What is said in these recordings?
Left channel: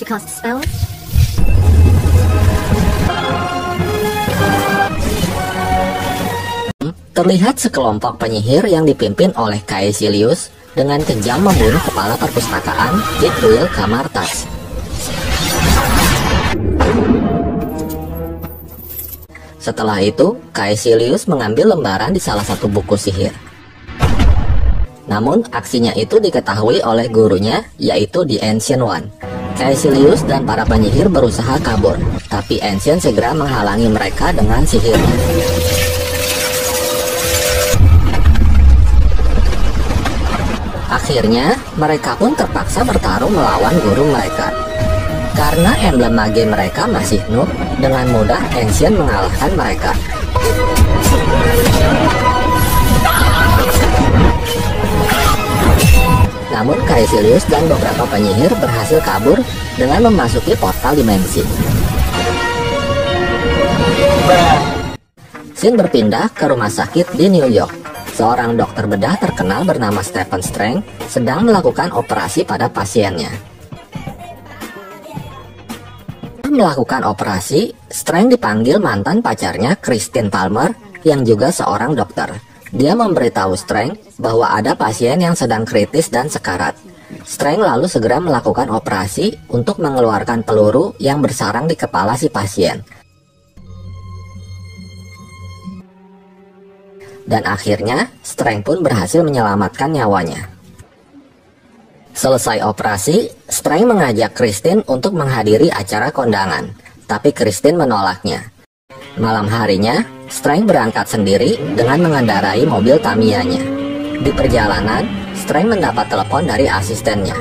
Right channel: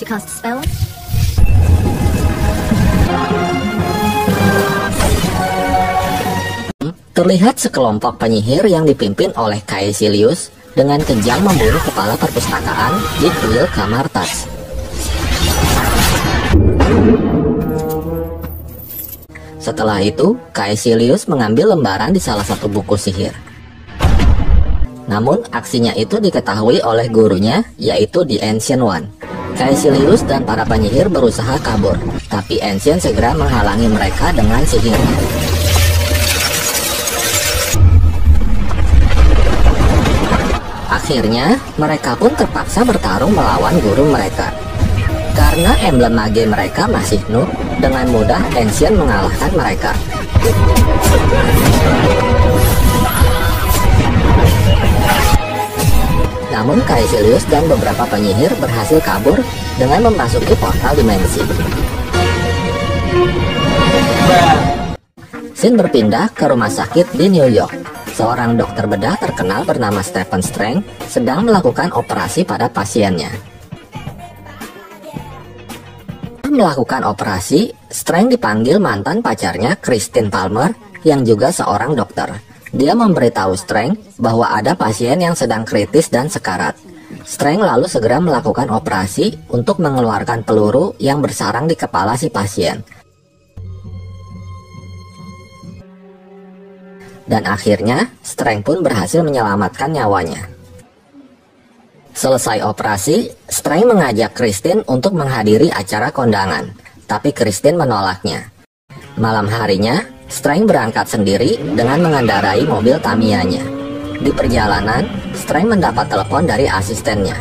to cast a spell. Terlihat sekelompok penyihir yang dipimpin oleh Caecilius dengan kejam membunuh kepala perpustakaan di kuil Camartas. Setelah itu, Caecilius mengambil lembaran di salah satu buku sihir. Namun, aksinya itu diketahui oleh gurunya, yaitu The Ancient One. Caecilius dan para penyihir berusaha kabur, tapi Ancient segera menghalangi mereka dengan sihirnya. Akhirnya, mereka pun terpaksa bertarung melawan guru mereka. Karena emblem mage mereka masih noob, dengan mudah Ancient mengalahkan mereka. Namun Caecilius dan beberapa penyihir berhasil kabur dengan memasuki portal dimensi. Scene berpindah ke rumah sakit di New York. Seorang dokter bedah terkenal bernama Stephen Strange sedang melakukan operasi pada pasiennya. Melakukan operasi, Strange dipanggil mantan pacarnya Christine Palmer yang juga seorang dokter. Dia memberitahu Strange bahwa ada pasien yang sedang kritis dan sekarat. Strange lalu segera melakukan operasi untuk mengeluarkan peluru yang bersarang di kepala si pasien. Dan akhirnya, Strange pun berhasil menyelamatkan nyawanya. Selesai operasi, Strange mengajak Christine untuk menghadiri acara kondangan, tapi Christine menolaknya. Malam harinya, Strange berangkat sendiri dengan mengendarai mobil Tamiya-nya. Di perjalanan, Strange mendapat telepon dari asistennya.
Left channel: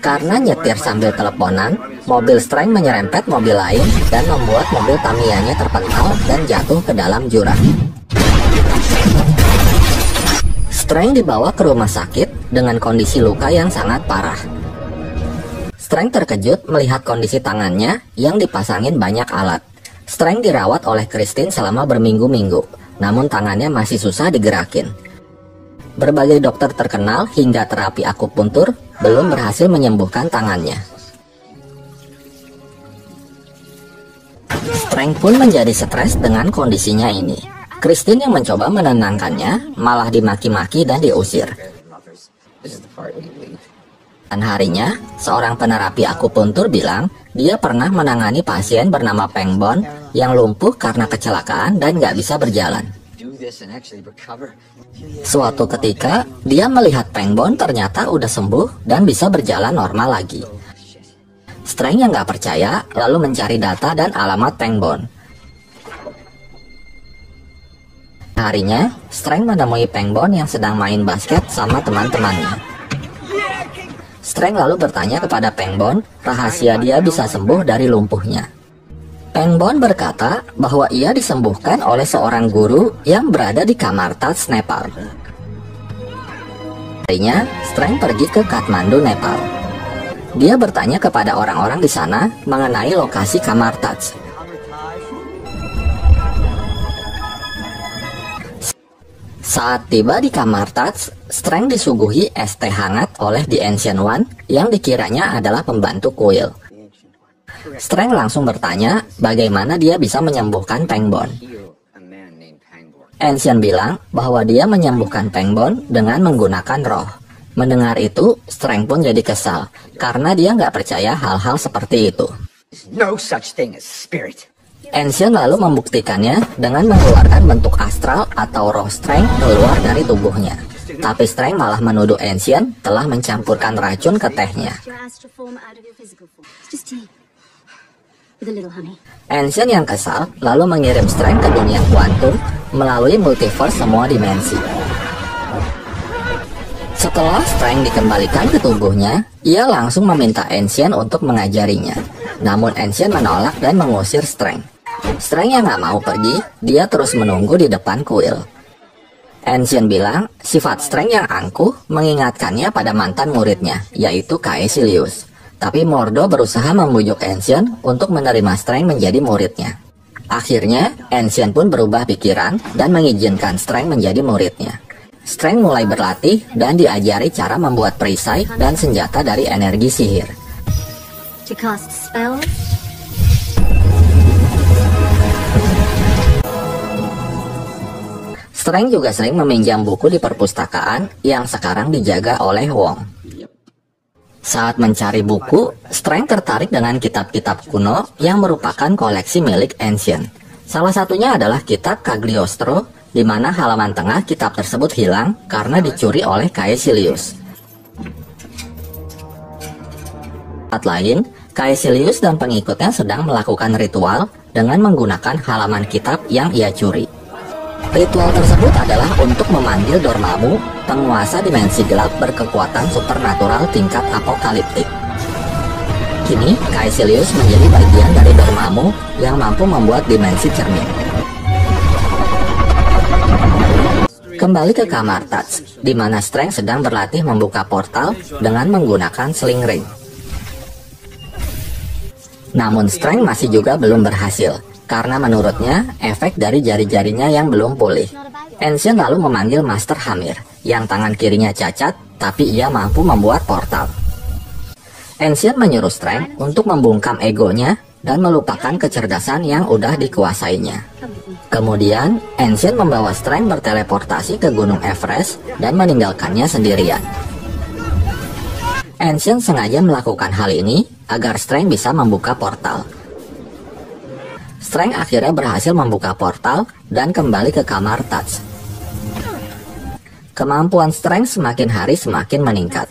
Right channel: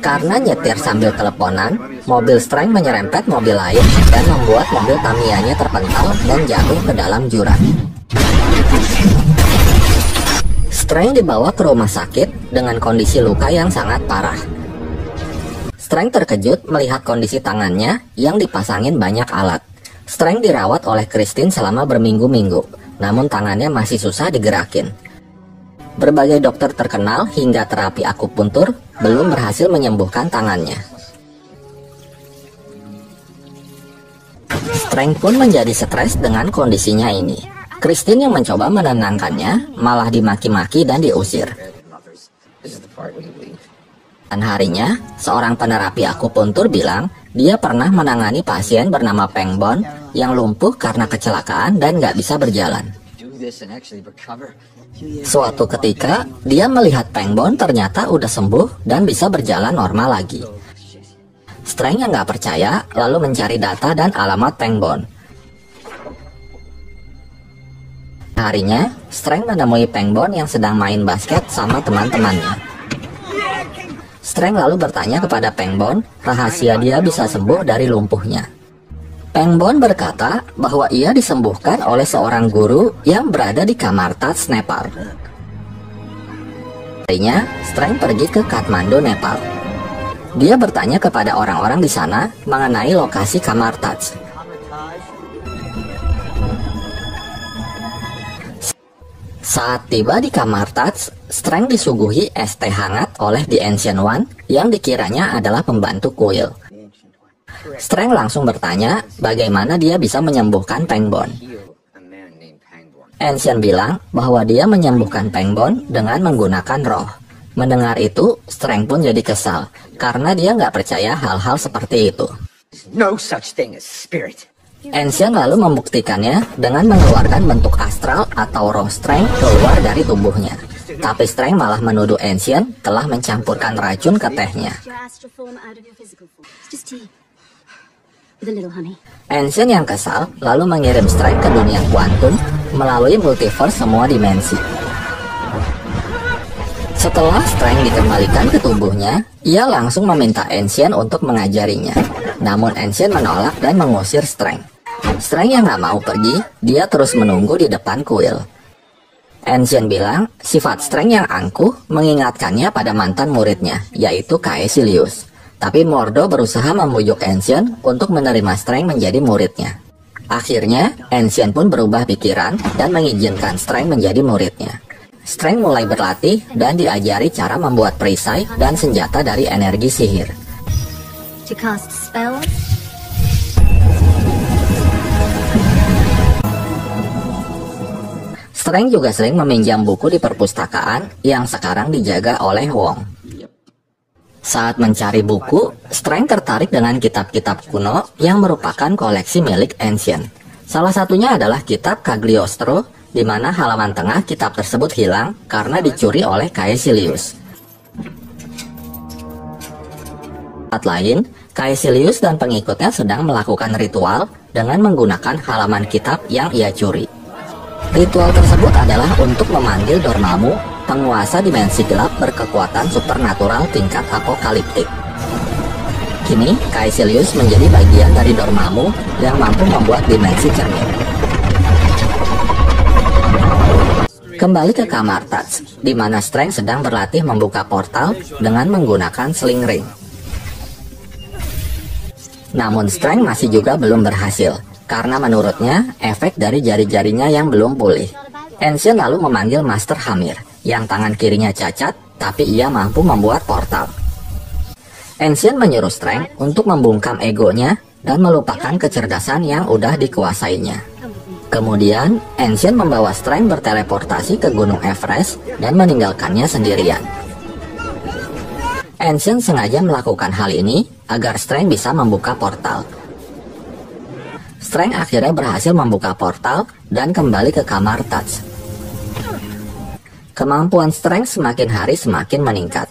Karena nyetir sambil teleponan, mobil Strange menyerempet mobil lain dan membuat mobil Tamiya-nya terpental dan jatuh ke dalam jurang. Strange dibawa ke rumah sakit dengan kondisi luka yang sangat parah. Strange terkejut melihat kondisi tangannya yang dipasangin banyak alat. Strange dirawat oleh Christine selama berminggu-minggu, namun tangannya masih susah digerakin. Berbagai dokter terkenal hingga terapi akupuntur belum berhasil menyembuhkan tangannya. Strange pun menjadi stres dengan kondisinya ini. Christine yang mencoba menenangkannya malah dimaki-maki dan diusir. Dan harinya, seorang penerapi akupuntur bilang dia pernah menangani pasien bernama Pengbon yang lumpuh karena kecelakaan dan nggak bisa berjalan. Suatu ketika, dia melihat Pengbon ternyata udah sembuh dan bisa berjalan normal lagi. Strange yang nggak percaya lalu mencari data dan alamat Pengbon. Harinya, Strange menemui Pengbon yang sedang main basket sama teman-temannya. Strange lalu bertanya kepada Pengbon rahasia dia bisa sembuh dari lumpuhnya. Pengbon berkata bahwa ia disembuhkan oleh seorang guru yang berada di Camartas, Nepal. Harinya, Strange pergi ke Kathmandu, Nepal. Dia bertanya kepada orang-orang di sana mengenai lokasi Camartas. Saat tiba di Camartas, Strange disuguhi es teh hangat oleh The Ancient One yang dikiranya adalah pembantu kuil. Strange langsung bertanya bagaimana dia bisa menyembuhkan Pengbon. Ancient bilang bahwa dia menyembuhkan Pengbon dengan menggunakan roh. Mendengar itu, Strange pun jadi kesal karena dia nggak percaya hal-hal seperti itu. No such thing as spirit. Ancient lalu membuktikannya dengan mengeluarkan bentuk astral atau roh Strange keluar dari tubuhnya. Tapi Strange malah menuduh Ancient telah mencampurkan racun ke tehnya. Ancient yang kesal lalu mengirim Strange ke dunia kuantum melalui multiverse semua dimensi. Setelah Strange dikembalikan ke tubuhnya, ia langsung meminta Ancient untuk mengajarinya. Namun Ancient menolak dan mengusir Strange. Strange yang nggak mau pergi, dia terus menunggu di depan kuil. Ancient bilang, sifat Strange yang angkuh mengingatkannya pada mantan muridnya, yaitu Caecilius. Tapi Mordo berusaha membujuk Ancient untuk menerima Strange menjadi muridnya. Akhirnya, Ancient pun berubah pikiran dan mengizinkan Strange menjadi muridnya. Strange mulai berlatih dan diajari cara membuat perisai dan senjata dari energi sihir. to cast spells? Strength juga sering meminjam buku di perpustakaan yang sekarang dijaga oleh Wong. Saat mencari buku, Strength tertarik dengan kitab-kitab kuno yang merupakan koleksi milik Ancient. Salah satunya adalah kitab Cagliostro, di mana halaman tengah kitab tersebut hilang karena dicuri oleh Caecilius. Saat lain, Caecilius dan pengikutnya sedang melakukan ritual dengan menggunakan halaman kitab yang ia curi. Ritual tersebut adalah untuk memanggil Dormammu, penguasa dimensi gelap berkekuatan supernatural tingkat apokaliptik. Kini, Caecilius menjadi bagian dari Dormammu yang mampu membuat dimensi cermin. Kembali ke kamar Tuts, di mana Strength sedang berlatih membuka portal dengan menggunakan sling ring. Namun Strength masih juga belum berhasil, karena menurutnya efek dari jari-jarinya yang belum pulih. Ancient lalu memanggil Master Hamir, yang tangan kirinya cacat, tapi ia mampu membuat portal. Ancient menyuruh Strength untuk membungkam egonya dan melupakan kecerdasan yang udah dikuasainya. Kemudian, Ancient membawa Strength berteleportasi ke Gunung Everest dan meninggalkannya sendirian. Ancient sengaja melakukan hal ini agar Strength bisa membuka portal. Strength akhirnya berhasil membuka portal dan kembali ke kamar Tuts. Kemampuan Strength semakin hari semakin meningkat.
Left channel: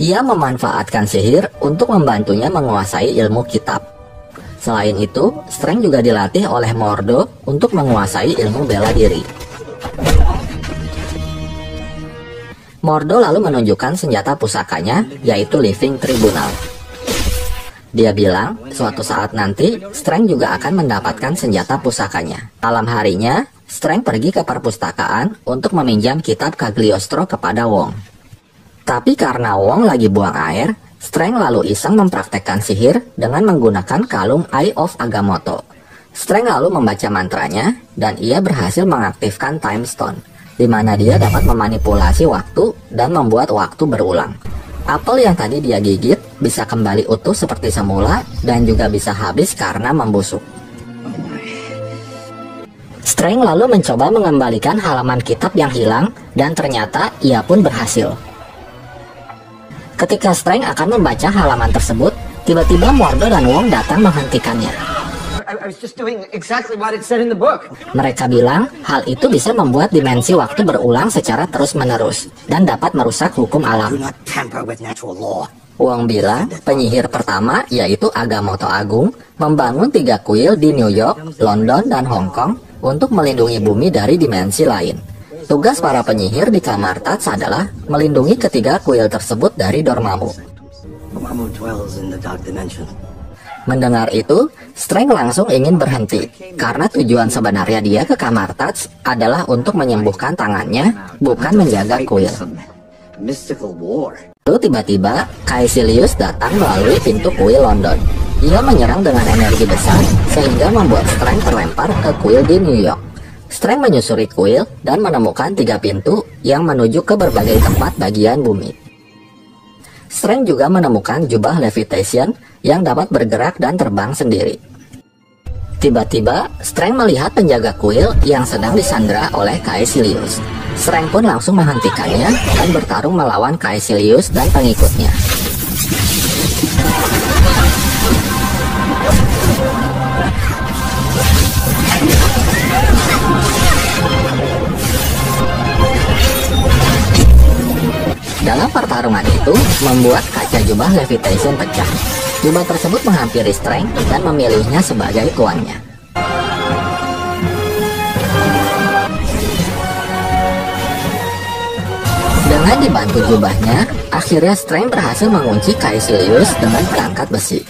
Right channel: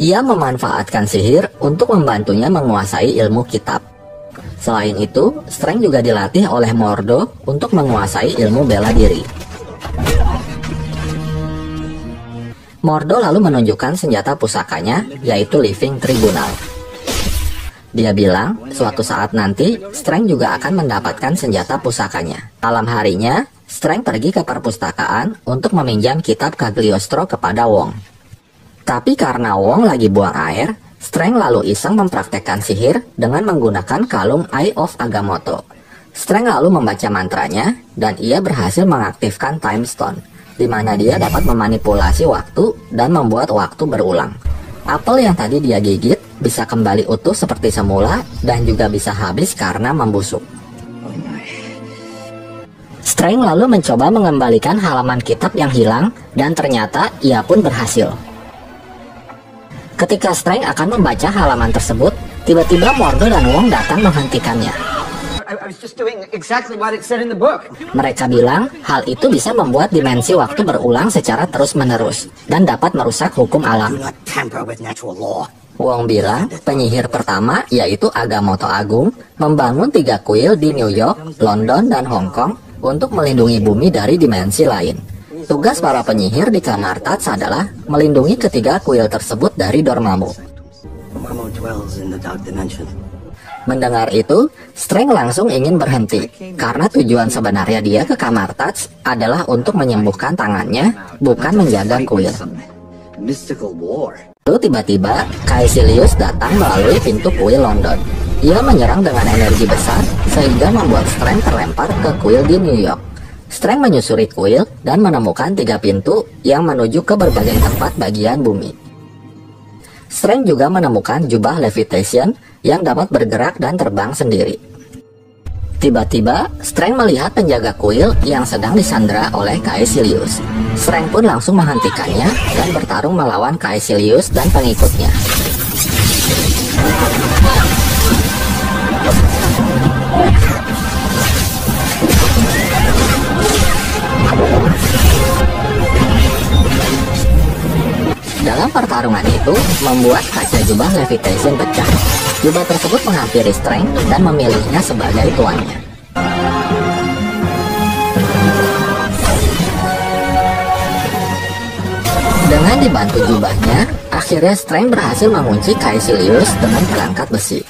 Ia memanfaatkan sihir untuk membantunya menguasai ilmu kitab. Selain itu, Strength juga dilatih oleh Mordo untuk menguasai ilmu bela diri. Mordo lalu menunjukkan senjata pusakanya, yaitu Living Tribunal. Dia bilang, suatu saat nanti, Strength juga akan mendapatkan senjata pusakanya. Malam harinya, Strength pergi ke perpustakaan untuk meminjam kitab Cagliostro kepada Wong. Tapi karena Wong lagi buang air, Strength lalu iseng mempraktekkan sihir dengan menggunakan kalung Eye of Agamotto. Strength lalu membaca mantranya, dan ia berhasil mengaktifkan Time Stone, di mana dia dapat memanipulasi waktu dan membuat waktu berulang. Apel yang tadi dia gigit bisa kembali utuh seperti semula dan juga bisa habis karena membusuk. Strength lalu mencoba mengembalikan halaman kitab yang hilang dan ternyata ia pun berhasil. Ketika Strength akan membaca halaman tersebut, tiba-tiba Mordo dan Wong datang menghentikannya. I was just doing exactly what it said in the book. Mereka bilang hal itu bisa membuat dimensi waktu berulang secara terus-menerus dan dapat merusak hukum alam. Not tamper with natural law. Wong bilang penyihir pertama, yaitu Agamotto Agung, membangun 3 kuil di New York, London, dan Hong Kong untuk melindungi bumi dari dimensi lain. Tugas para penyihir di kamar Tuts adalah melindungi ketiga kuil tersebut dari Dormammu. Dormammu dwells in the dark dimension. Mendengar itu, Strength langsung ingin berhenti, karena tujuan sebenarnya dia ke kamar Tuts adalah untuk menyembuhkan tangannya, bukan menjaga kuil. Mystical war. Lalu tiba-tiba, Caecilius datang melalui pintu kuil London. Ia menyerang dengan energi besar, sehingga membuat Strength terlempar ke kuil di New York. Strength menyusuri kuil dan menemukan 3 pintu yang menuju ke berbagai tempat bagian bumi. Strength juga menemukan jubah levitation yang dapat bergerak dan terbang sendiri. Tiba-tiba, Strength melihat penjaga kuil yang sedang disandra oleh Caecilius. Strength pun langsung menghentikannya dan bertarung melawan Caecilius dan pengikutnya. Dalam pertarungan itu, membuat kaca jubah levitation pecah. Jubah tersebut menghampiri Strength dan memilihnya sebagai tuannya. Dengan dibantu jubahnya, akhirnya Strength berhasil mengunci Caecilius dengan perangkat besi.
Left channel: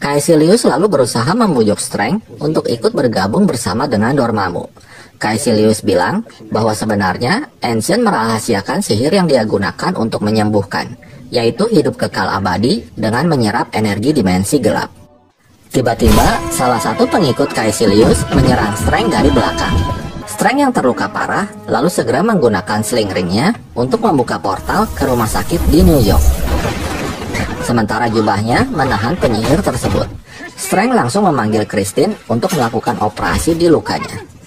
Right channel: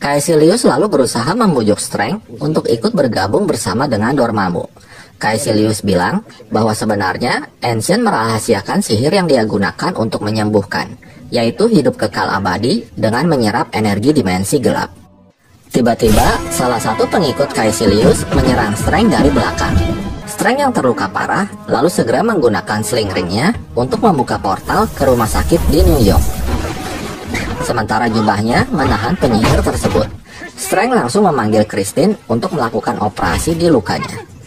Caecilius lalu berusaha membujuk Strength untuk ikut bergabung bersama dengan Dormammu. Caecilius bilang bahwa sebenarnya Ancient merahasiakan sihir yang dia gunakan untuk menyembuhkan, yaitu hidup kekal abadi dengan menyerap energi dimensi gelap. Tiba-tiba, salah satu pengikut Caecilius menyerang Strength dari belakang. Strength yang terluka parah lalu segera menggunakan sling ringnya untuk membuka portal ke rumah sakit di New York. sementara jubahnya menahan penyihir tersebut. Strength langsung memanggil Christine untuk melakukan operasi di lukanya.